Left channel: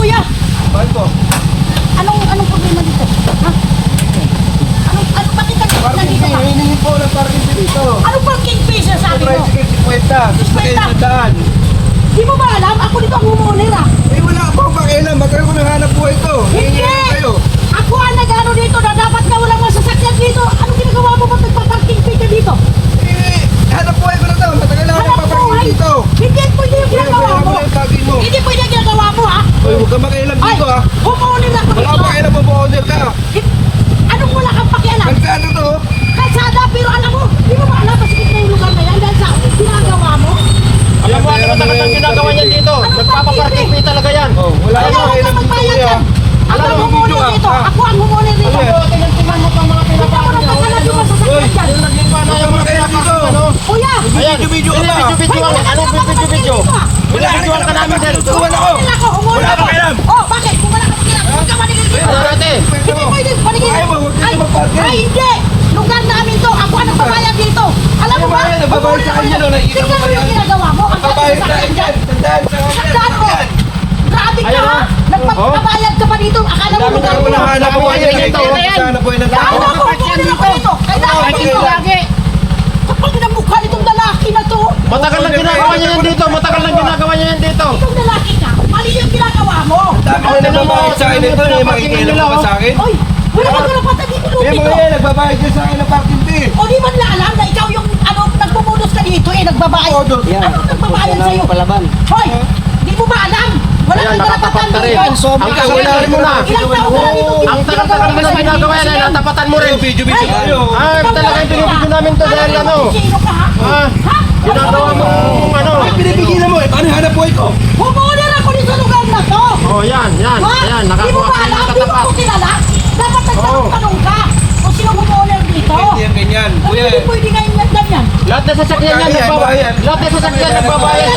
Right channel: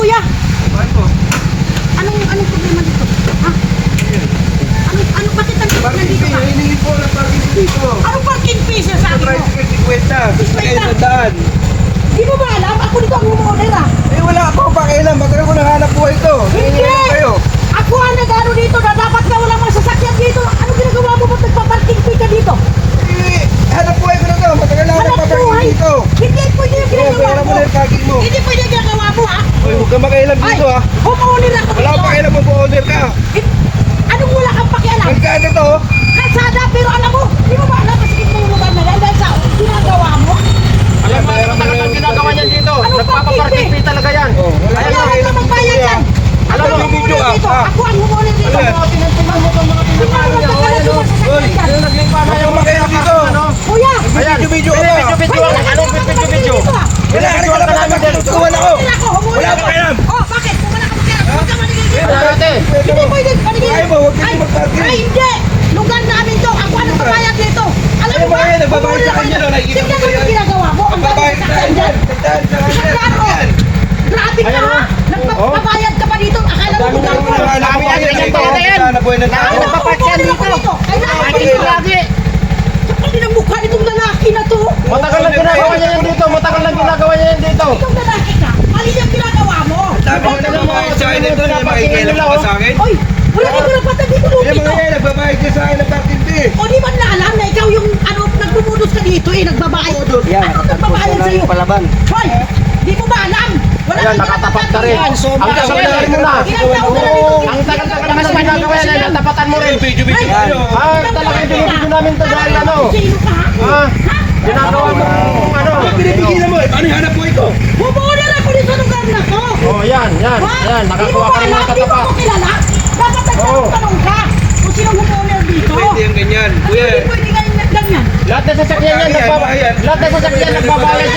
kuya. Bakit po? Anong problema dito? Ha? Bakit nandito ka? Hinihingi po ng parking dito. Anong parking fee siya sabi mo? Tricycle 50. Gusto kayo sa daan. Di mo ba alam? Ako dito ang homeowner ah. Eh wala pa akong pakialam. Matagal ko nanghanap buhay ito. Hindi! Kayo. Ako ang nag-ano dito na dapat na walang masasakyan dito. Ano ginagawa mo? Ba't nagpa-parking fee ka dito? Eh, hanap buhay ko na ito. Matagal na ako Hanap nagpaparking buhay? dito. Hindi pwede yung ginagawa Pero mo. mo yung kaki mo. Hindi pwede yung ginagawa mo ha. Uy, huwag ka makialam Ay, dito ha. homeowner ako Wala dito. akong pakialam mag-order kayo. Anong wala kang pakialam? Magkano to? Kalsada, pero alam mo, di mo ba alam masikip na yung lugar na yan dahil sa ginagawa mo? Alam mo, ano matagal ang ginagawa niyan dito? Nagpapaparking fee talaga yan. Oh, wala Ayaw akong ako pakialam na magbayad dito yan. yan. Ako Alam ang mo, homeowner video, dito. ah. Ako ang homeowner dito. Ano yan? Tingnan mo itong mga Hindi ako pinapaan niya. nagkakalat yung masasakyan dyan. Yung naglipa na Huwag yung ka makialam dito. ano? Kuya! Ayan, Video-video ka. binibidyo-bidyo ang anong binibidyo? Binibidyo ka namin din. Tutuwan ako. Homeowner ako, homeowner Wala ako. kang alam. Oh, bakit? Wala kang pakialam. Huwag ka manigil dito. Ate, Hindi pwede manigil. Ay, huwag dito magparking. Ay, hindi. Lugar namin to. Ako ang nagbabayad dito. Alam mo ba? Ay, nagbabayad sa kanya, no? Nakikita mo ba Tignan yan? yung ginagawa mo. Ang Magbabayad sa akin yan. Tandaan sa akin Isang daan, oh. yan. Grabe ka Ayun, ha? oh. Nagpapabayad ka pa dito. Akala mo lugar mo. Hanap buhay Ay, na ito. ay, ay, Hanap buhay na Kaya tao. ako, homeowner ako dito. Kailangan ko dito lagi. Kapag namukha itong lalaki na to, matagal na ginagawa niya yan dito. Matagal na ginagawa niya yan dito. itong lalaki ka, mali yung ginagawa mo. Dami na nagbabayad sa akin ito. Makikinig ka sa akin. Oy, wala kang karapatan dito Eh, lupi to. mga yan, nagbabayad ka sa akin ng parking fee. O di man na alam na ikaw yung ano, nagpupunos ka dito eh, nagbabayad. Yan, Ano nagbabayad sa'yo? palaban. Hoy, di mo ba alam? Wala Ayan, kang karapatan nakatapat ka rin. dito. Ang tagal mo na. Ilang taon ka na dito? Ang tagal-tagal naman sa ginagawa yan. Natapatan mo rin. Video-video kayo. Ah, talagang binibidyo namin to dahil ano. Sino ka ha? Ah, Ha? ginagawa mo kung ano. Pinipigilan mo. Paano yung hanap buhay ko? Homeowner ako dito sa lugar na to. Oh, yan. Ha? Yan, Di mo nakakuha ba ka rin alam? ng Di mo katapat. ko kilala? Dapat Oo. nagtanong ka kung sino homeowner dito. Pwede yung ganyan. Kasi Kuya, hindi pwede ngayon ganyan. Lahat na sasakyan yan, lahat na sasakyan nagbabayad